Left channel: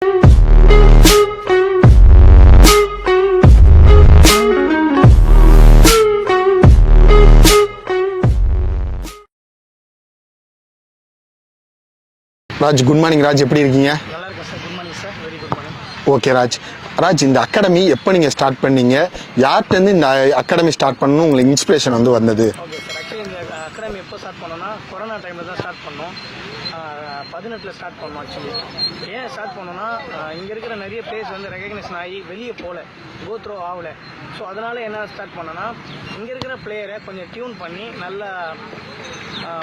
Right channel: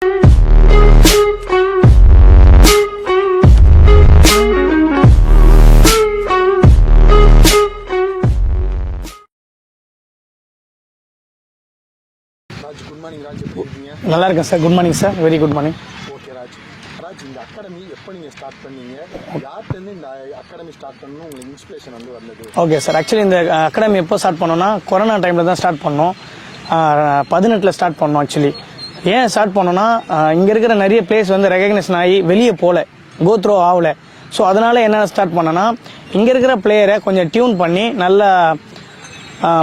Raj, good morning Raj, எப்படி இருக்கீங்க? நல்லா இருக்கேன் sir. Good morning sir. Very good morning. Okay Raj. Raj, இந்த அகாடமி எப்போ நீங்கள் ஸ்டார்ட் பண்ணீங்க? யார்கிட்டருந்து இந்த அகாடமி ஸ்டார்ட் பண்ணணும் உங்களுக்கு இன்ஸ்பிரேஷன் வந்து வந்தது? ஓகே சார், ஆக்சுவலி இந்த அகாடமி எப்போ ஸ்டார்ட் பண்ணோம்னா கொரோனா டைமில் தான் ஸ்டார்ட் பண்ணோம். 18 ஸ்டார்ட் பண்ணோம். ஆக்சுவலி ஏன் ஸ்டார்ட் பண்ணோன்னா இங்கே இருக்கிற நிறைய பிளேஸ் வந்து ரெகக்னேஷன் ஆகி வெளியே போகல, கோ த்ரோ ஆகலை. ஸோ அதனால் என்ன ஸ்டார்ட் பண்ணோன்னா இங்கே இருக்கிற பிளேயரை கொஞ்சம் டியூன் பண்ணி நல்ல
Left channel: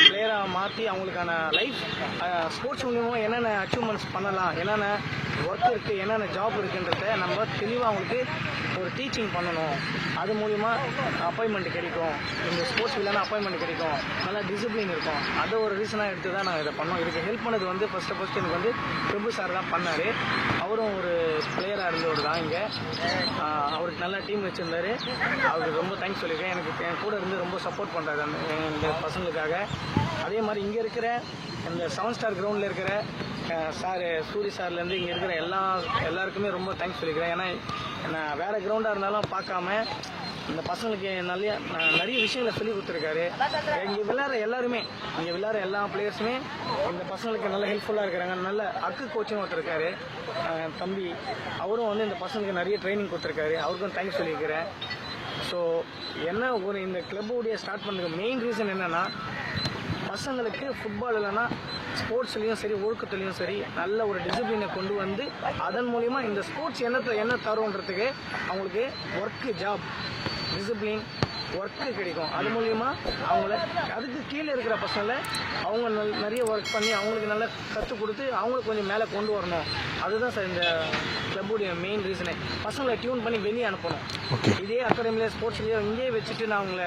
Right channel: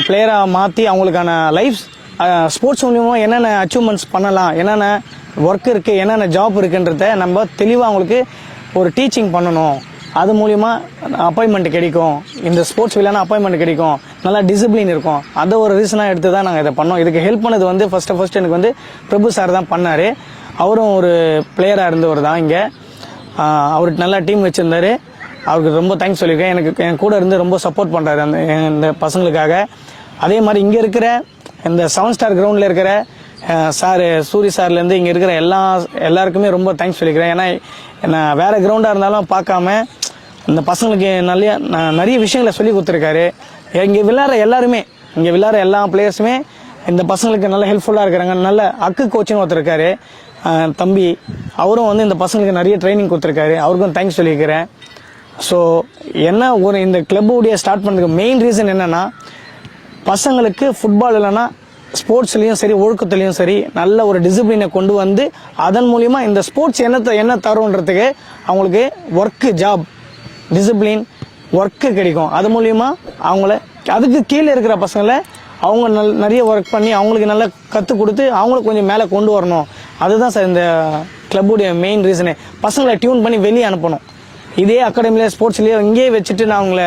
பிளேயராக மாற்றி அவங்களுக்கான லைஃப் ஸ்போர்ட்ஸ் மூலியமாக என்னென்ன அச்சீவ்மெண்ட்ஸ் பண்ணலாம், என்னென்ன ஒர்க் இருக்குது, என்னென்ன ஜாப் இருக்குன்றத நம்ம தெளிவாக அவங்களுக்கு ஒரு டீச்சிங் பண்ணணும். அது மூலிமா அப்பாயின்மெண்ட் கிடைக்கும், இந்த ஸ்போர்ட்ஸ் விளையாட அப்பாயின்மெண்ட் கிடைக்கும், நல்லா டிசிப்ளின் இருக்கும். அதை ஒரு ரீசனாக எடுத்து தான் நாங்கள் இதை பண்ணோம். இதுக்கு ஹெல்ப் பண்ணது வந்து ஃபஸ்ட்டு எனக்கு வந்து பிரபு சார் தான் பண்ணார். அவரும் ஒரு பிளேயராக இருந்தவர் தான். இங்கே அவருக்கு நல்லா டீம் வச்சுருந்தார். அவருக்கு ரொம்ப தேங்க்ஸ் சொல்லியிருக்கேன். என் கூட இருந்து ரொம்ப சப்போர்ட் பண்ணுறாரு இந்த பசங்களுக்காக. அதே மாதிரி இங்கே இருக்கிற இந்த 7 ஸ்டார் கிரவுண்டில் இருக்கிற சார் சூரி சார்லேருந்து இங்கே இருக்கிற எல்லாருக்குமே ரொம்ப தேங்க்ஸ் சொல்லிக்கிறேன். ஏன்னா நான் வேறு கிரவுண்டாக இருந்தாலும் பார்க்காம இந்த பசங்களுக்கு நிறைய விஷயங்களை சொல்லி கொடுத்துருக்காரு. இங்கே விளையாடுற எல்லா பிளேயர்ஸுமே இந்த பசங்களுக்கு நல்ல ஹெல்ப்ஃபுல்லாக இருக்கிறாங்க. நல்ல கோச்சின்னு ஒருத்தருக்காரு தம்பி, அவரும் வந்து இந்த பசங்களுக்கு நிறைய ட்ரைனிங் கொடுத்துருக்காரு. அவருக்கும் தேங்க்ஸ் சொல்லியிருக்கிறேன். ஸோ இந்த கிளப்புடைய ஸ்டார்ட் பண்ணுறதுக்கு மெயின் ரீசன் என்னென்னா, பசங்களுக்கு ஃபுட்பால் இல்லைன்னா ஸ்போர்ட்ஸ்லேயும் சரி ஒழுக்கத்துலேயும் சரி நல்ல ஒரு டிசிப்ளினை கொண்டு வந்து அதன் மூலிமா இந்த ஸ்போர்ட்ஸ் என்ன தருன்றதுக்கு அவங்களுக்கு ஒர்க்கு, ஜாப், டிசிப்ளின், ஒர்க்கு கிடைக்கும். அது மூலிமா அதுக்கு கீழே இருக்கிற பசங்களை அவங்க நிறைய ஒர்க் பண்ணி அவங்களுக்கு நல்லா கற்றுக் கொடுத்து அவங்களுக்கு கொஞ்சம் மேலே கொண்டு வரணும். அதுதான் சார் இந்த கிளப்புடைய மெயின் ரீசனே. பசங்களை டியூன் பண்ணி வெளியே அனுப்பணும். இதே அகாடமியில் ஸ்போர்ட்ஸ்லேயே இங்கேயே வச்சுட்டு நான் அவங்கள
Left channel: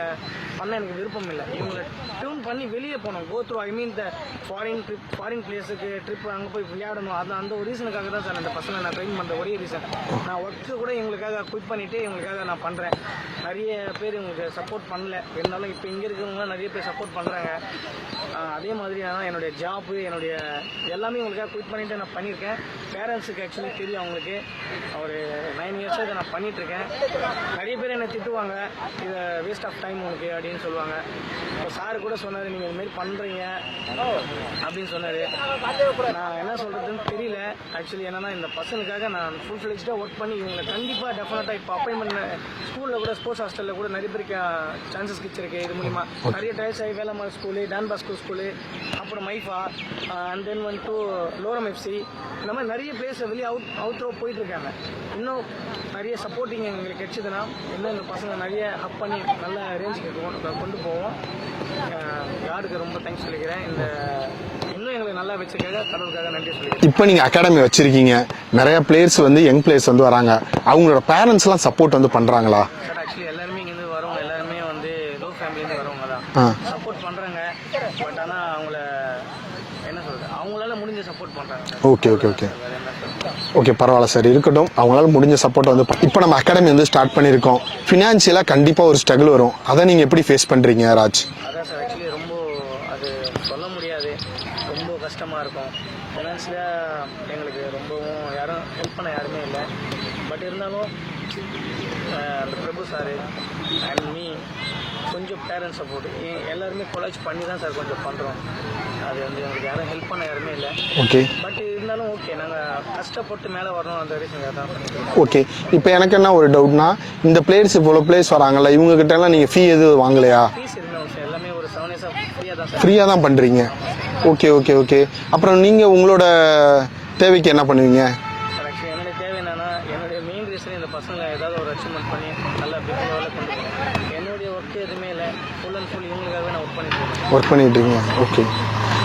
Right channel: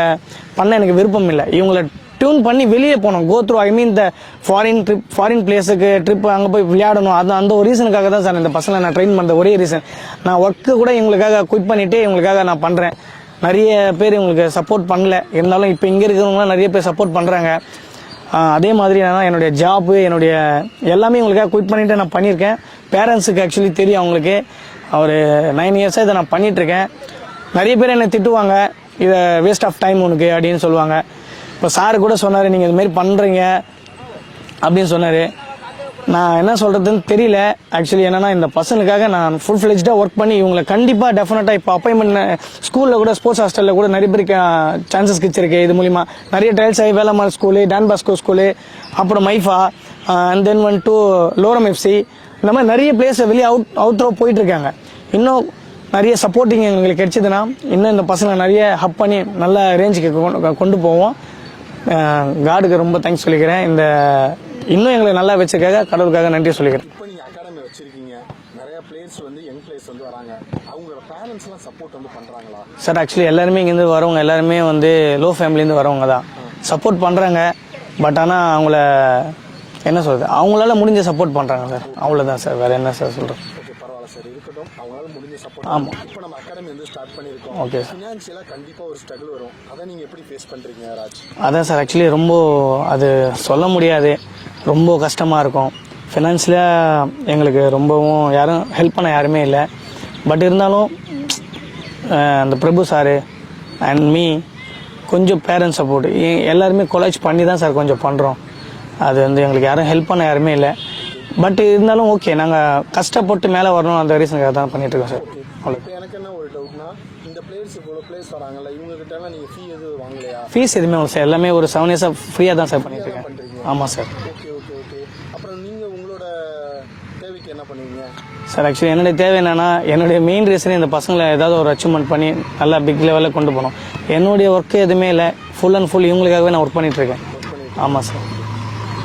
பண்ண எனக்கு விருப்பம் இல்லை. இவங்களை டியூன் பண்ணி வெளியே போகணும், கோ த்ரூ இந்த ஃபாரின் பிளேஸுக்கு ட்ரிப் அங்கே போய் விளையாடணும். அந்த ஒரு ரீசனுக்காக தான் சார் இந்த பசங்களை நான் ட்ரெயின் பண்ணுற ஒரே ரீசன். நான் ஒர்க்கு கூட இவங்களுக்காக குவிட் பண்ணிவிட்டு இவங்களுக்காக நான் பண்ணுறேன். நிறைய பேர் இவங்களுக்கு சப்போர்ட் பண்ணல, இருந்தாலும் இப்போ இங்கே இருக்கிறவங்களாம் நிறைய பேர் சப்போர்ட் பண்ணுறாங்க. அதே மாதிரி என்னுடைய ஜாப்பு, என்னுடைய எல்லாமே இவங்களுக்காக குவிட் பண்ணிவிட்டு நான் பண்ணியிருக்கேன். பேரண்ட்ஸுக்கு ஆக்சுவலி தெரியும், அவங்களுக்கு ஒரு 9 இயர்ஸாக இதை நான் பண்ணிகிட்ருக்கேன். நிறைய பேர் என்னை திட்டுவாங்க, இதை வேஸ்ட் ஆஃப் டைம் உனக்கு அப்படின்னு சொல்லுவாங்க. இப்போ சார் கூட சொன்னார், நீங்கள் இதுமாரி பண்ணுறீங்க அப்படின்னு சொன்னார். நான் என்ன சொல்கிறதுன்னு தெரியல. ஆக்சுவலி என்னென்னா இந்த பசங்களுக்காக நான் ஃபுல் ஃப்ளெஜ்டாக ஒர்க் பண்ணி இவங்களை கண்டிப்பாக டெஃபினட்டாக இப்போ அப்பாயின்மெண்ட் ஸ்கூலில் கூட ஸ்போர்ட்ஸ் ஹாஸ்டலில் கூட நிறைய பேருக்கு சான்சஸ் கிடச்சிருக்கு. இது மூலிமா நிறைய ட்ரையல்ஸ் ஆகி Velammal school, Don Bosco school, அப்புறம் மைஃபா, அண்ட் தென் டு லோரம் எஃப்சி, இந்த மாதிரி நிறைய பிளேஸை வெளியே அவுட் த்ரோ போயிட்டுருக்காங்க. இன்னும் நிறைய சப்போர்ட்டிங் எங்களுக்கு கிடைச்சதுன்னா இன்னும் இந்த பசங்களை நிறைய ஹப் பண்ணி நல்ல ரேஞ்சுக்கு கொண்டு போவோம். காடுக்கு ரொம்ப தேங்க்ஸ் சொல்லிக்கிறேன். இன்னும் எங்களை நல்லா வச்சுக்காக கடவுளுக்காக நன்றி சொல்லிக்கிறேன். இப்போ நீங்கள் அகாடமி வச்சிருக்கீங்க, நிறைய பிளேயர்ஸ் வந்து யங் பிளேயர்ஸ் வந்து வராங்க, அவங்களோட பேரண்ட்ஸ்லாம் சப்போர்ட் வந்து பண்ணுறாங்களா? சார் ஆக்சுவலி எல்லாருமே இங்கேருந்து வரவங்க எல்லாருமே வந்து லோ ஃபேமிலியிலேருந்து வரவங்க தான் சப்போர்ட் பண்ணுறாங்க. பட் ஆனால் அவங்கள என்ன சொல்றது, அவங்களால முடிஞ்ச சப்போர்ட் பண்றாங்க சார். அவ்வளவுதான் சார், வேற என்ன சார் சொல்றேன். ஓகே, பரவாயில்ல சார், இருக்கட்டும். அவங்களால முடிஞ்ச சப்போர்ட் வந்து இப்போ நம்ம அகாடமி வந்து ஸ்டார்ட் பண்ணியிருக்கோம். ஃபினான்ஷியலா கண்டிப்பா ஒரு ஸ்ட்ரகிள் வரும். அதை நீங்க எப்படி ஃபேஸ் பண்றீங்க ராஜ்? அதான் சார், ஆக்சுவலி ரொம்ப அது சொல்ல முடியாது, ரொம்ப கஷ்டமா இருக்கும். ஃபினான்ஷியலா எங்களுக்கு ரொம்பவும் யாரும் ஹெல்ப் பண்ண யாருமே இல்லை. பட் இருந்தாலும் அந்த பிரபு சாரு அண்ட் மீ கொஞ்சம் பேரண்ட்ஸ் சப்போர்ட் எல்லாருமே கொலாஜ் பண்ணி தான் சார் கொஞ்சம் பண்ணுறோம். அது வந்து எங்களுக்கு யாரும் ஹெல்ப் பண்ண யாருமே இல்லை. ஓகே, பட் இருந்தாலும் ஓகே, நாங்கள் கஷ்டப்பட்டு மேலே வரணும் அந்த ரீசனுக்காக தான் பண்ணிட்டு இருக்கோம். ஓகே, இப்போ எனக்கு என்ன ஒரு டவுட்னா, இந்த பிளேயர்ஸ் இவ்வளோ பிளேயர்ஸ் வராங்கல்ல, இவங்க கிட்ட எல்லாம் நீங்கள் ஃபீ எதுவும் வாங்கலையா? ஃபீஸ் எதுவுமே சார், எல்லாமே ஒரு 7 இயர்ஸாக ஃப்ரீயாக தான் சார். ஃப்ரீயாக தான் பண்ணுறீங்க? ஆமாம் சார். Okay okay okay. அப்புறம் நீங்கள் உங்களோட தேவைக்கு என்ன பண்ணுவீங்க சார்? ஆக்சுவலி என்னுடைய தேவை என்னன்னா, என்னுடைய மெயின் ரீசனே இந்த பசங்களை ஏதாவது ஒரு அச்சீவ்மெண்ட் பண்ணி நல்லா பிக் லெவலில் கொண்டு போகணும். என்னுடைய ஒர்க்கு எதுவுமே இல்லை, ஃபுல் அண்ட் ஃபுல் இவங்களுக்காகவே நான் ஒர்க் பண்ணிட்டு இருக்கேன். ஆமாம் சார். Okay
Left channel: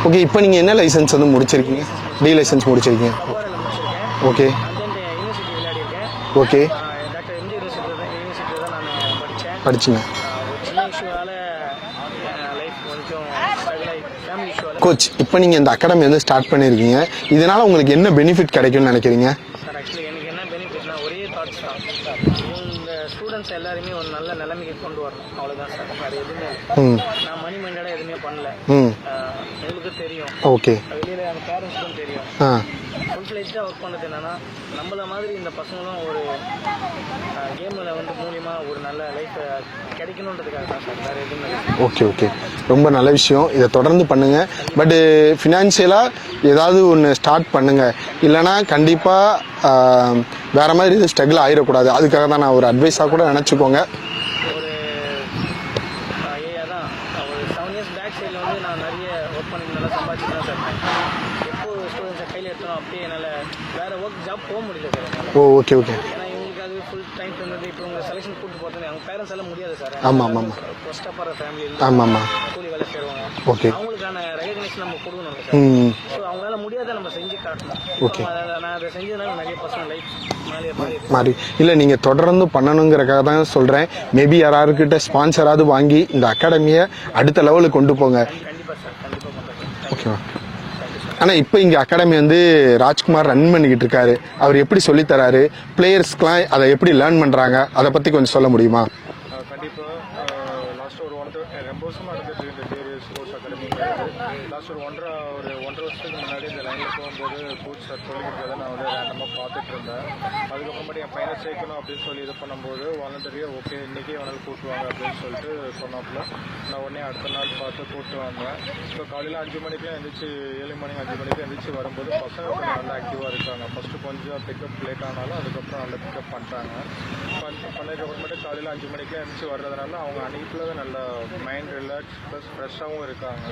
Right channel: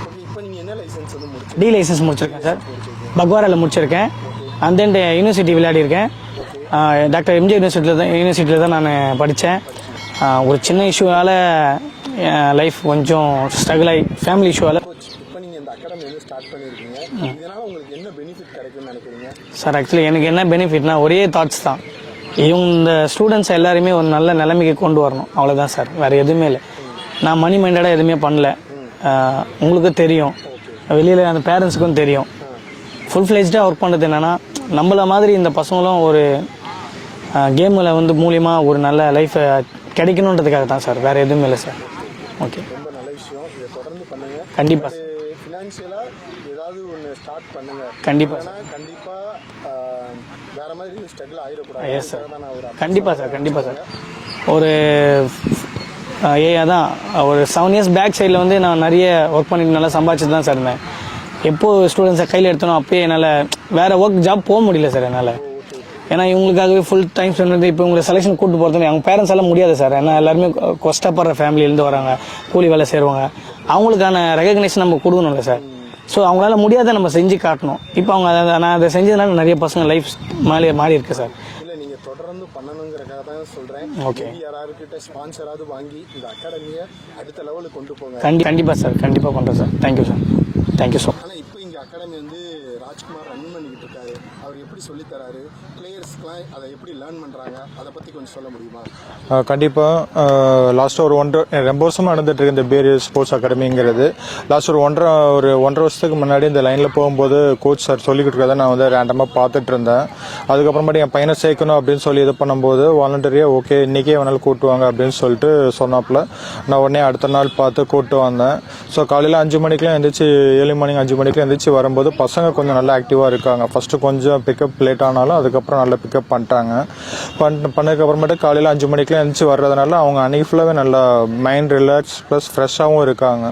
okay. இப்போ நீங்கள் என்ன லைசன்ஸ் வந்து முடிச்சிருக்கீங்க? டி லைசன்ஸ் முடிச்சிருக்கீங்க. பக்வாரால முடிச்சிருக்கேன். ஓகே. அண்ட் தென் யூனிவர்சிட்டி விளையாடி இருக்கேன். ஓகே. டாக்டர் எம்ஜி யூனிவர்சிட்டியில் தான் நான் படித்தேன். ஒரு சின்ன இஷ்யூவால் லைஃப் கொஞ்சம் ஸ்ட்ரகிள் ஆகி ஃபேமிலி இஷ்யூவால். கோச், இப்போ நீங்கள் இந்த அகாடமி வந்து ஸ்டார்ட் பண்ணியிருக்கீங்க, இதனால் உங்களுக்கு என்ன பெனிஃபிட் கிடைக்கும்னு நினைக்கிறீங்க? சார் ஆக்சுவலி எனக்கு என்ன பெனிஃபிட்னா ஒரே தாட்ஸ் தான், இந்த ஸ்டூடெண்ட்ஸ் எல்லாருமே ஒரு நல்ல நிலைமைக்கு கொண்டு வரணும், அவ்வளோதான் சார், வேற எதுவுமே இல்லை. நான் மணி மைண்டடாக எதுவுமே பண்ணல. உங்களுக்கு தெரியும், ஓகே, வெளியில் அந்த பேரண்ட்ஸுக்கும் தெரியும். ஃபுல் ஃப்ளெஜ்டாக ஒர்க் பண்ணுறது என்னென்னா நம்மள மாதிரி இந்த பசங்களும் ஒரு கேமில் வந்து மூலியமாக ஒரு நல்ல லைஃப்பை கிடைக்கணுன்றதுக்காக தான் சார், வேறு எதுவுமே இல்லை சார். ஓகே ஓகே ஓகே, ரொம்ப நல்ல விஷயம். இதை தொடர்ந்து பண்ணுங்க. பட் ஃபினான்ஷியலாக ஏதாவது ஒன்று ஸ்டார்ட் பண்ணுங்க, இல்லைன்னா கண்டிப்பாக வேற மாதிரி இது ஸ்ட்ரகிள் ஆயிடக்கூடாது. அதுக்காக தான் நான் ஒரு அட்வைஸாக கூட நினச்சிக்கோங்க. ஒரு அதான் ஒரு 7 years பேக் சைடில் வந்து நான் நிறைய ஒர்க் பண்ணிட்டு நல்லா சம்பாதிச்சு தான் சார் இருந்தேன். எப்போ ஸ்டூடெண்ட்ஸை கையில் எடுத்தனோ அப்பயே என்னால் வேற ஒர்க் ஜாப் போக முடியல சார் என்னால். Okay okay. ஏன்னா இவங்களுக்காகவே ஃபுல் டைம் ஸ்பெண்ட் வந்து இப்போ உங்களை செலெக்ஷன் கூட்டு போகிறது அவங்க பேரண்ட்ஸ் எல்லாம் முடியாது சார். ஏன்னா எல்லாருமே கஷ்டப்படுற ஃபேமிலியிலேருந்து வராங்க, கூலி வேலை செய்வாங்க. அவங்களுக்கான ரெகக்னேஷன் நம்ம கொடுக்கணும்ல சார். ஸோ அவங்களால முடியாத நம்ம செஞ்சு காட்டணும். இப்போ அவங்க நான் அதை செஞ்சதுனால நிறைய பசங்க லைஃப் மாறி இருக்கு சார். இல்லை, நீங்கள் தொடர்ந்து பண்ணணுங்கிறக்காக தான் சொல்கிறேன். மேபி யாராருக்கிட்ட ஸ்பான்சராவது வாங்கி இந்த அகாடமியை அடுத்த லெவலுக்கு கொண்டு போங்க. கண்டிப்பாக சார், கண்டிப்பாக பண்ணுறேன் சார். Thank you thank you sir. ஆனால் இப்போ இங்கே அகாடமி வந்து ராஜ்குமார் ரன் பண்ணிக்கிட்டு இருக்காரு. அவர் எப்படி சொல்லித்தராரு, பிளேயர்ஸ்க்குலாம் அதை எப்படி லேர்ன் பண்ணுறாங்க, அதை பற்றி கொஞ்சம் சொல்ல முடியுமா? கண்டிப்பாக லாஸ்ட்டாக ரொம்ப வருஷமாக நடந்துட்டு இருக்கு இந்த பேரியர் ஸ்போர்ட்ஸ் அகாடமிங்கிறது. லாஸ்ட் ஒரு ஒன்றரை வருஷத்துக்கு முன்னாடி இந்த லைனில் போகும்போது கோச் சார் சொல்லிக்கிட்டு இருக்கிறத நான் வந்து ரேண்டமாக பார்த்துட்டு இருந்தேன். அதுக்கப்புறமேட்டு என் பையனை சேர்க்கணும் அப்படின்னு சொல்லி இது பண்ணும்போது வாலண்டரியாக ஓகே இன்றைக்கே வேணாலும் கூட்டுவாங்க அப்படின்னு சொல்லிட்டு சொன்னாப்புல நான் உடனே அடுத்த நாள் பார்த்து கூட்டு வந்தேன். ஸோ காலையில் 5 மணிக்கெலாம் எழுந்திரிச்சு, ஏர்லி மார்னிங் 5 மணிக்கெலாம் எழுந்திரிச்சு வரும்போது பசங்க கொஞ்சம் நல்லா ஆக்டிவாக இருக்காங்க. ஃபஸ்ட்டு கொஞ்சம் பிக்கப் லேட் ஆனாலும் அதுக்கப்புறம் நல்லா பிக்கப் பண்ணிட்டாங்க. பண்ணதுக்கப்புறமேட்டு காலையில் 5 மணிக்கெலாம் எழுந்திரிச்சு வர்றதுனால அவங்க அன்றைக்கி ஃபுல்லாகவே நல்லா மைண்ட் ரிலாக்ஸ் ப்ளஸ் ஃப்ரெஷ்ஷாகவும் இருக்காங்க.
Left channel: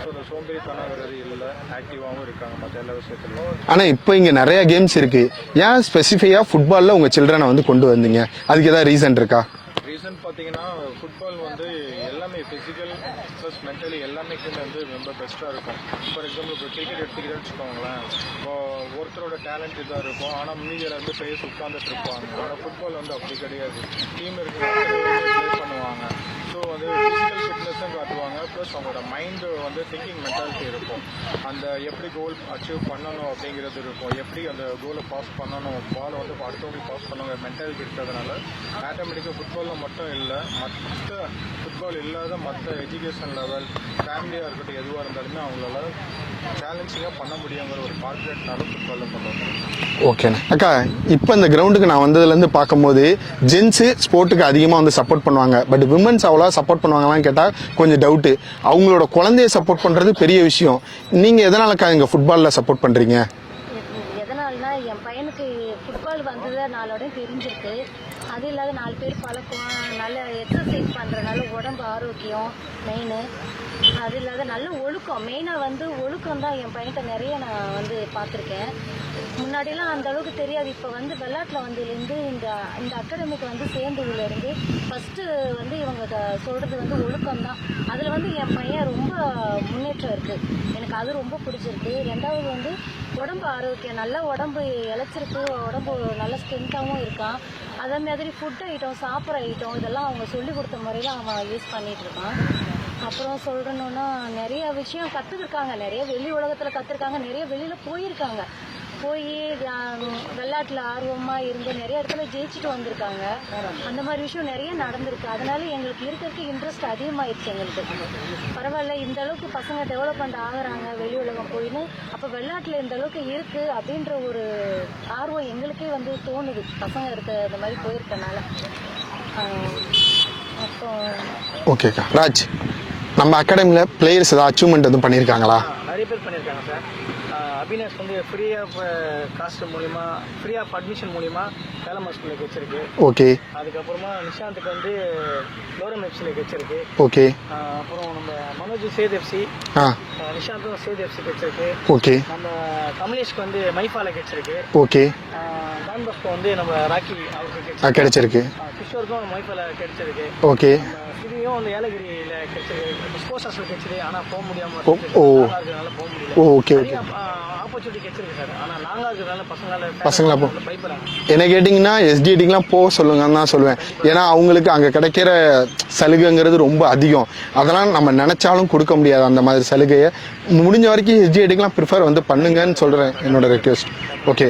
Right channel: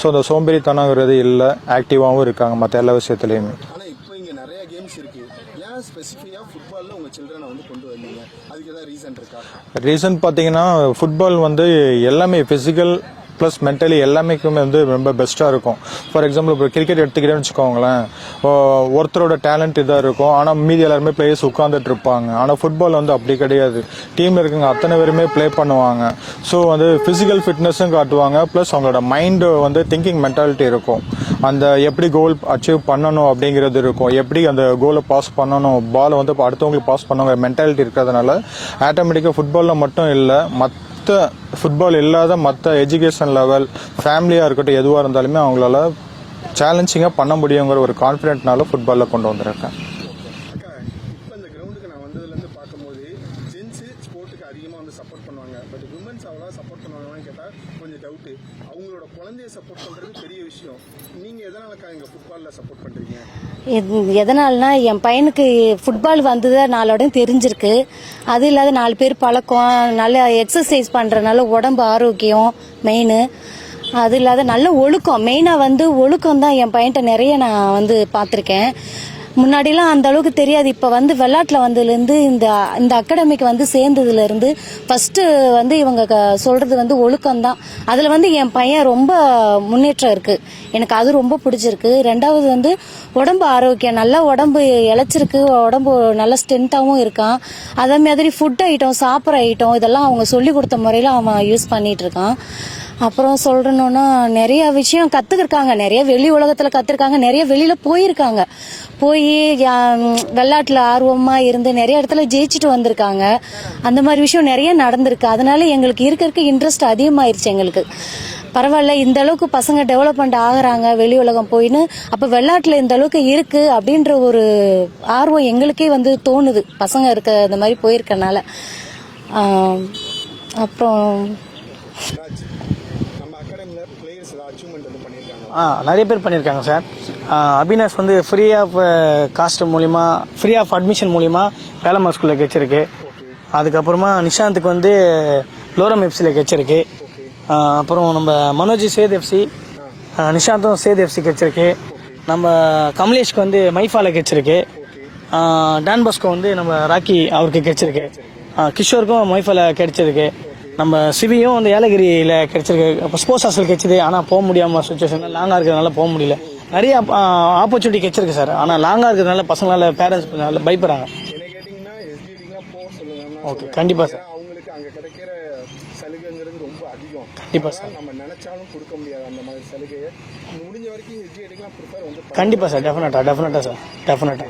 ஸோ அந்த சோம்பேறித்தனங்கிறது இல்லை, ஆக்டிவாகவும் இருக்காங்க மற்ற எல்லா விஷயத்துலையுமே. ஆனால் இப்போ இங்கே நிறைய கேம்ஸ் இருக்குது. ஏன் ஸ்பெசிஃபிக்காக ஃபுட்பாலில் உங்கள் சில்ட்ரனை வந்து கொண்டு வந்தீங்க? அதுக்கு ஏதாவது ரீசன் இருக்கா? ரீசன் பார்த்தீங்கன்னா ஃபுட்பால் வந்து எல்லாமே ஃபிசிக்கல் ப்ளஸ் மென்டலி எல்லாமேக்குமே வந்து ரொம்ப பெஸ்ட்டாக இருக்கும். ஃபார் எக்ஸாம்பிள் இப்போ கிரிக்கெட் எடுத்துக்கிட்டேன்னு வச்சுக்கோங்களேன், இப்போ ஒருத்தரோட டேலண்ட் இதாக இருக்கும், ஆனால் மீதி எல்லாருமே பிளேயர்ஸ் உட்காந்துட்டு இருப்பாங்க. ஆனால் ஃபுட்பால் வந்து அப்படி கிடையாது. டீமில் இருக்கவங்க அத்தனை பேருமே ப்ளே பண்ணுவாங்க. ஸோ வந்து ஃபிசிக்கல் ஃபிட்னஸும் காட்டுவாங்க, ப்ளஸ் அவங்களோட மைண்டு வந்து திங்கிங் மென்டாலிட்டி இருக்கும். அந்த எப்படி கோல் அச்சீவ் பண்ணணும் அப்படிங்கிறது இருக்கும், எப்படி அந்த கோலை பாஸ் பண்ணணும், பாலை வந்து அடுத்தவங்களுக்கு பாஸ் பண்ணுங்கிற மென்டாலிட்டி இருக்கிறதுனால ஆட்டோமேட்டிக்காக ஃபுட்பாலில் மட்டும் இல்லை, ஃபுட்பால் இல்லாத மற்ற எஜுகேஷன் லெவல் ஃபேமிலியாக இருக்கட்டும் எதுவாக இருந்தாலுமே அவங்களால சேலஞ்சிங்காக பண்ண முடியுங்கிற ஒரு கான்ஃபிடென்ட்னால ஃபுட்பாலில் கொண்டு வந்திருக்கேன். ஓகேண்ணா. அக்கா, இப்போ இந்த கிரவுண்டுக்கு நான் வந்ததுலேருந்து பார்க்கும்போது ஜென்ஸு ஸ்போர்ட்டுக்கு அதிகமாக வந்து சப்போர்ட் பண்ணுவாங்க, பட் விமன்ஸ் அவ்வளோ சப்போர்ட் பண்ணுவாங்களான்னு கேட்டால் கொஞ்சம் டவுட்டு. அவங்களோட குழந்தைய சப்போர்ட் பண்ணுறது பெரிய விஷயம். நீங்கள் எதனாலக்கா இங்கே ஃபுட்பாலில் சப்போர்ட் பண்ணுறீங்க? எதனால்னா என் பையனுக்கு ஃபுட்பால் வந்தது நாளோட தெரிஞ்சிருக்கு. அது இல்லாத 4 பேர் பழக்கம், நல்ல எக்ஸசைஸ் பண்ணுறதுனால உடம்பு ஆரோக்கியம் மெயின். அது இல்லாத நல்ல ஒழுக்கம், மெயினாக வந்து ஒழுக்கம் தான் என் பையன்கிட்ட நிறைய நான் வந்து பார்த்துருக்கேன். முன்னாடிலாம் அந்த அளவுக்கு தெரியாது. இப்போ வந்து விளையாட்டில் வந்ததுலேருந்து இந்த அகாடமிக்கு வந்து சேர்ந்ததுலேருந்து ஃபஸ்ட்டு வந்து இவங்க சொல்கிறது வந்து ஒழுக்கம்தான். அதில் வந்து என் பையன் ரொம்ப முன்னேற்றம் இருக்குது, எனக்கு அது ரொம்ப பிடிச்சிருக்கு. 2வது வந்து உடம்பு ஆரோக்கியம், நல்லா உடம்பு இழைச்சிருக்கு, உடம்பு நல்லா ஸ்ட்ரென்த்தாகவும் இருக்கான். அதே மாதிரி ஃபுட் ஐட்டம், சாப்பிட்ற ஐட்டம் இதெல்லாம் அவங்க சொல்லி கொடுத்த முறையில் அவன் யூஸ் பண்ணிகிட்டு இருக்கான். அப்புறம் சொல்கிறணுன்னா நிறைய விஷயம் கற்றுக்கிருக்காங்க, நிறைய வெளி உலகத்தில் கற்றுருக்காங்க, நிறைய வெளியில் போயிருக்காங்க. போய் விளையாட்டில் ஆர்வமாக இருந்து நிறைய இடத்துல ஜெயிச்சுட்டு வந்திருக்காங்க. அந்த மாதிரி விஷயம் நிறைய நடந்திருக்கு. அதனால எங்களுக்கு இருக்க இன்ட்ரெஸ்ட் அதிகமாகிருச்சு எங்களுக்கு. பரவாயில்ல, இந்த அளவுக்கு பசங்க டெவலப்மெண்ட் ஆகுறாங்க வெளி உலகம் போயின்னு, அப்போ விளையாட்டில் இந்த அளவுக்கு இருக்குது அப்படின்ற ஒரு ஆர்வம் எங்களுக்கே வந்து தோணுது பசங்க இந்த மாதிரி போயிருக்கனால. அப்புறம் ஓகே ராஜ், நம்ம அகாடமியில் பிளேயர்ஸ் ஏதாவது அச்சீவ்மெண்ட் எதுவும் பண்ணியிருக்காங்களா? நிறைய பேர் பண்ணியிருக்காங்க சார். அபினாஷ் வந்து ஃப்ரீ ஆஃப் காஸ்ட் மூலிமா, ஃப்ரீ ஆஃப் அட்மிஷன் மூலிமா வேலம்மா ஸ்கூலில் கிடைச்சிருக்கு. ஓகே. அதுக்கப்புறமா நிஷாந்துக்கு வந்து லோரம் எஃப்சியில் கிடைச்சிருக்கு. ஓகே. அப்புறம் நம்ம மனோஜ் சேத் எஃப்சி, நிஷாந்தும் சேத் எஃப்சி கிடைச்சிருக்கு. ஓகே. நம்ம கமலேஷ்க்கு வந்து மைஃபால கிடைச்சிருக்கு. ஓகே. டான் பாஸ்கோ வந்து நம்ம ராக்கி அவருக்கு கிடைச்சிருக்கு. கிஷோருக்கும் மைஃபால கிடைச்சிருக்கு. ஓகே. நம்ம சிவியும் வந்து ஏலகிரியில கிடைச்சிருக்கு. ஸ்போர்ட்ஸ் ஹாஸ்டல் கிடைச்சது, ஆனால் போக முடியாம சுச்சுவேஷன் லாங்கா இருக்கிறதுனால போக முடியல. நிறைய ஆப்பர்ச்சுனிட்டி கிடைச்சிருக்கு சார். ஆனால் லாங்கா இருக்கிறதுனால பசங்களால பேரண்ட்ஸ் பயப்படுறாங்க. என்ன கேட்டீங்கன்னா எஸ்டிடிக்குலாம் போக சொல்லுங்கன்னு தான் சொல்லுவேன். கண்டிப்பா. ஏன்னா அவங்களுக்கு அங்க கிடைக்கிற சலுகைங்கிறது ரொம்ப அதிகம். அதெல்லாம் நம்ம நினைச்சாலும் கொடுக்க முடியாது அந்த மாதிரி சலுகையை. முடிஞ்ச வரைக்கும் எஸ்டிடிக்குலாம் ப்ரிஃபர் வந்து பண்ணுங்கன்னு சொல்றேன், என்னோட ரெக்வெஸ்ட். ஓகே.